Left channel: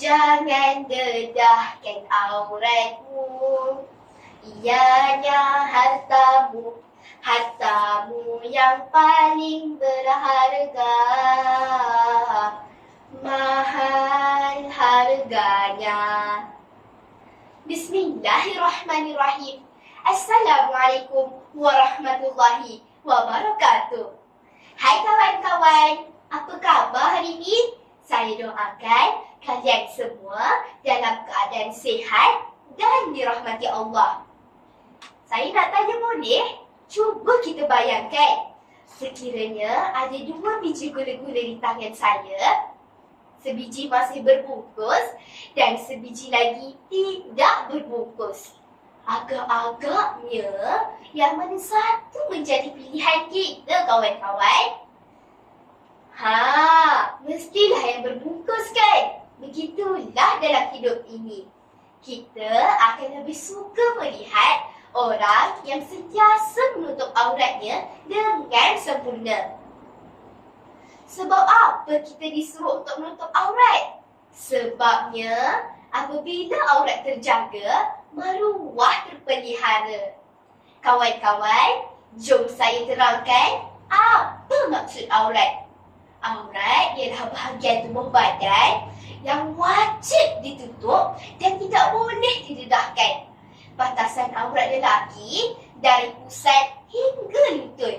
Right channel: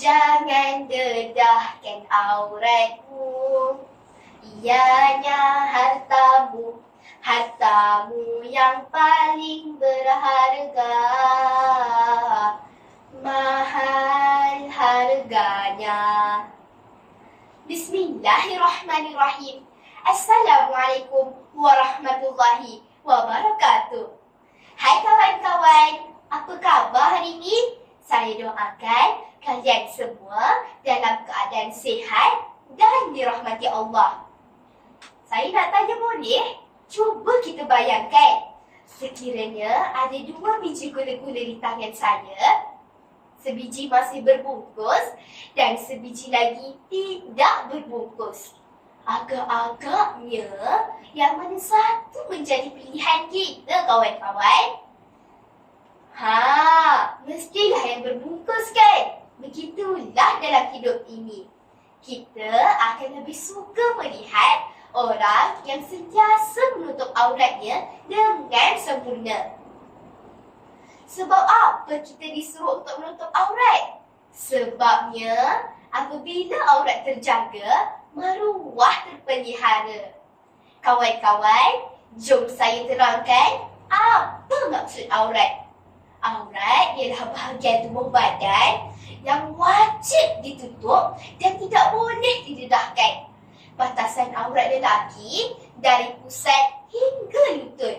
Jangan dedahkan auratmu. Ianya hartamu Hartamu yang paling berharga. Mahal harganya. Bismillahirrahmanirrahim. Assalamualaikum warahmatullahi wabarakatuh. Hai kawan-kawan, apa khabar hari ini? Saya doakan kalian semua dalam keadaan sihat dan dirahmati Allah. Saya nak tanya boleh? Cuba kita bayangkan. Sekiranya ada dua biji gula-gula di tangan saya, sebiji masih berbungkus dan sebiji lagi tidak berbungkus. Agak-agaknya yang mana satu menjadi pilihan kita kawan-kawan? Ha, mestilah yang berbungkus kan? Dalam hidup ini. Kita akan lebih suka melihat orang yang sentiasa menutup auratnya dengan sempurna. Sebab apa kita disuruh untuk menutup aurat? Sebabnya apabila aurat terjaga, maruah terpelihara. Kawan-kawan, jom saya terangkan apa maksud aurat. Aurat ialah bahagian tubuh badan yang wajib ditutup dan tidak boleh didedahkan. Batasan aurat lelaki dari pusat hingga lutut.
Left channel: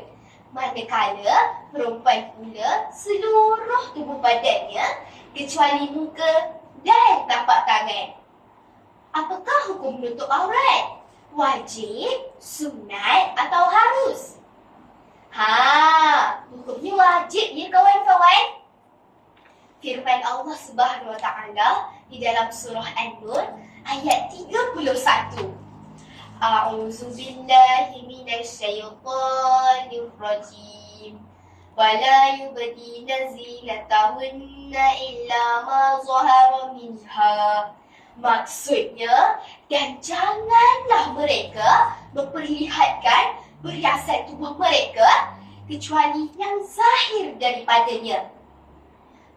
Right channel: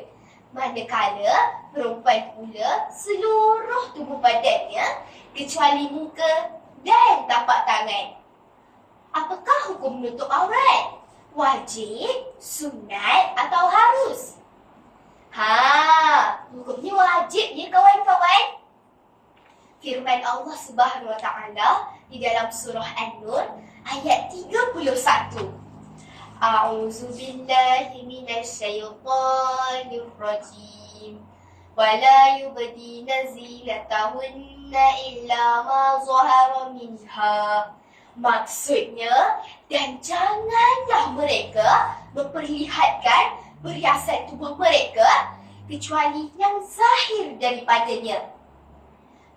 Manakala perempuan pula seluruh tubuh badannya kecuali muka dan tapak tangan. Apakah hukum menutup aurat? Wajib, sunat atau harus? Ha, hukumnya wajib ya kawan-kawan firman Allah Subhanahu Wa Taala di dalam surah An-Nur ayat 31. A'udzu billahi minasyaitonir rajim. Wala yubdina nazilatahunna illa ma zahara minha. Maksudnya dan janganlah mereka memperlihatkan perhiasan tubuh mereka kecuali yang zahir daripadanya.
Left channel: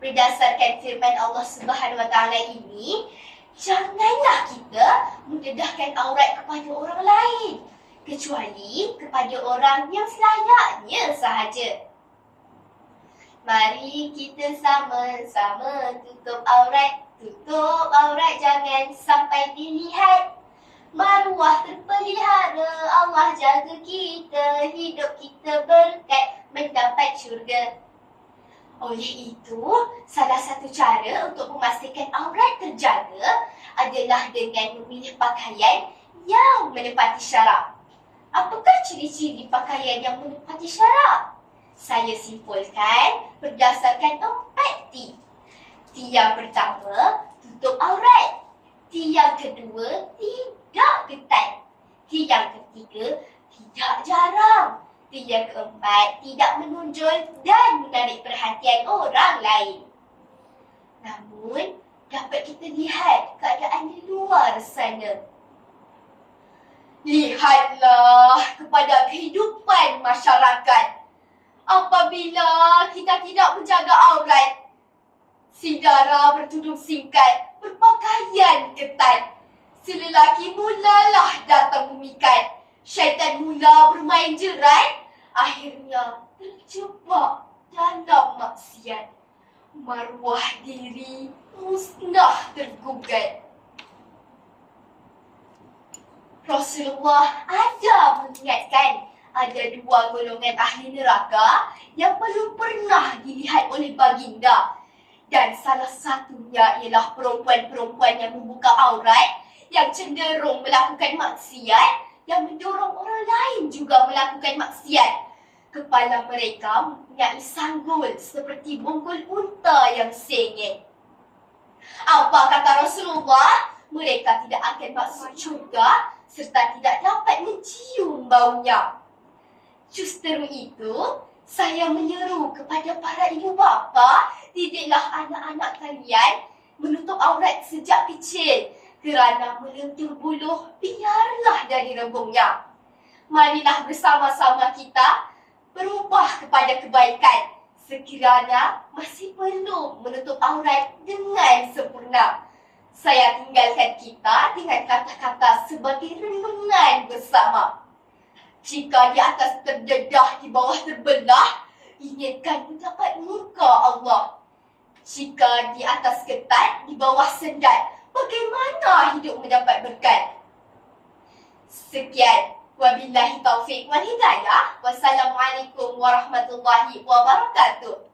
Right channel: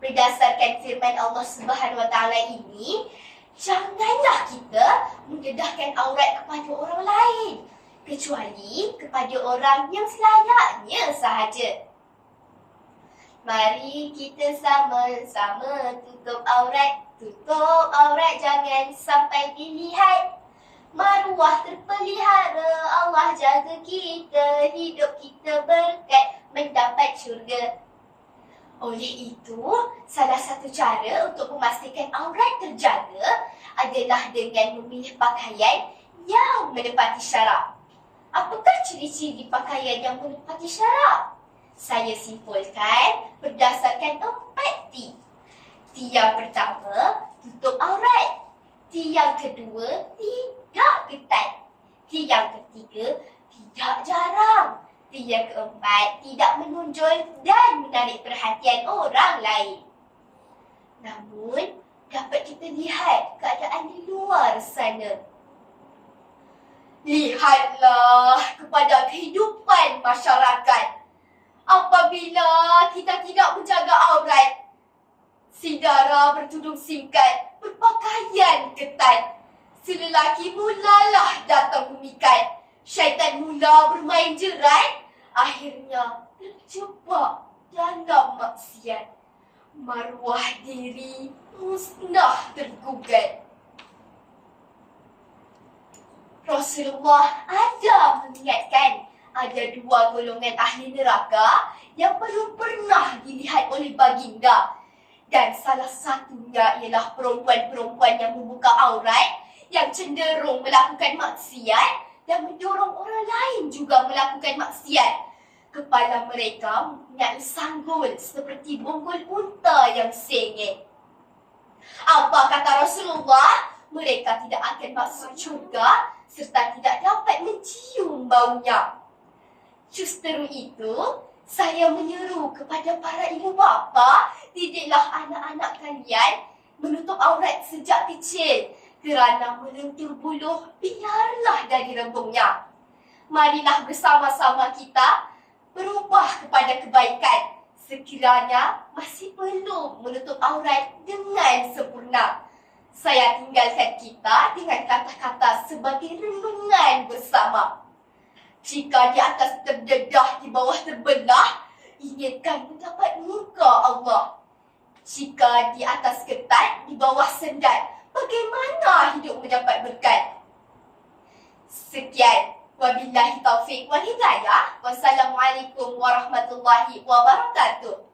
Berdasarkan firman Allah Subhanahu Wa Taala ini, janganlah kita mendedahkan aurat kepada orang lain kecuali kepada orang yang selayaknya sahaja. Mari kita sama-sama tutup aurat, tutup aurat jangan sampai dilihat. Maruah terpelihara, Allah jaga kita, hidup kita berkat mendapat syurga. Oleh itu, salah satu cara untuk memastikan aurat terjaga adalah dengan memilih pakaian yang menepati syarak. Apakah ciri-ciri pakaian yang menepati syarak? Saya simpulkan berdasarkan empat T. T yang pertama, tutup aurat. T yang kedua, tidak ketat. T yang ketiga, tidak jarang. Yang keempat, tidak menonjol dan menarik perhatian orang lain. Namun, dapat kita lihat keadaan di luar sana. Lihatlah kepada kehidupan masyarakat apabila kita tidak menjaga aurat. Si Dara bertudung singkat, berpakaian ketat. Si lelaki mulalah datang memikat. Syaitan mula bermain jerat. Akhirnya terjebak dalam maksiat. Maruah diri musnah tergugat. Rasulullah ada mengingatkan ada dua golongan ahli neraka yang belum pernah dilihat oleh baginda. Dan salah satunya ialah perempuan-perempuan yang membuka aurat, yang cenderung melakukan maksiat, yang mendorong orang lain juga melakukan maksiat. Kepala mereka mempunyai sanggul seperti bungkul unta yang sengit. Apa kata Rasulullah? Mereka tidak akan masuk syurga serta tidak dapat mencium baunya. Justeru itu, saya menyeru kepada para ibu bapa, didiklah anak-anak kalian menutup aurat sejak kecil kerana melentur buluh biarlah dari rembungnya. Marilah bersama-sama kita berubah kepada kebaikan sekiranya masih perlu menutup aurat dengan sempurna. Saya tinggalkan kita dengan kata-kata sebagai renungan bersama. Jika di atas terdedah, di bawah terbelah, ingatkan mendapat muka Allah. Jika di atas ketat, di bawah sendat, bagaimana hidup mendapat berkat? Sekian. Wabillahi taufiq wal hidayah. Wassalamualaikum warahmatullahi wabarakatuh.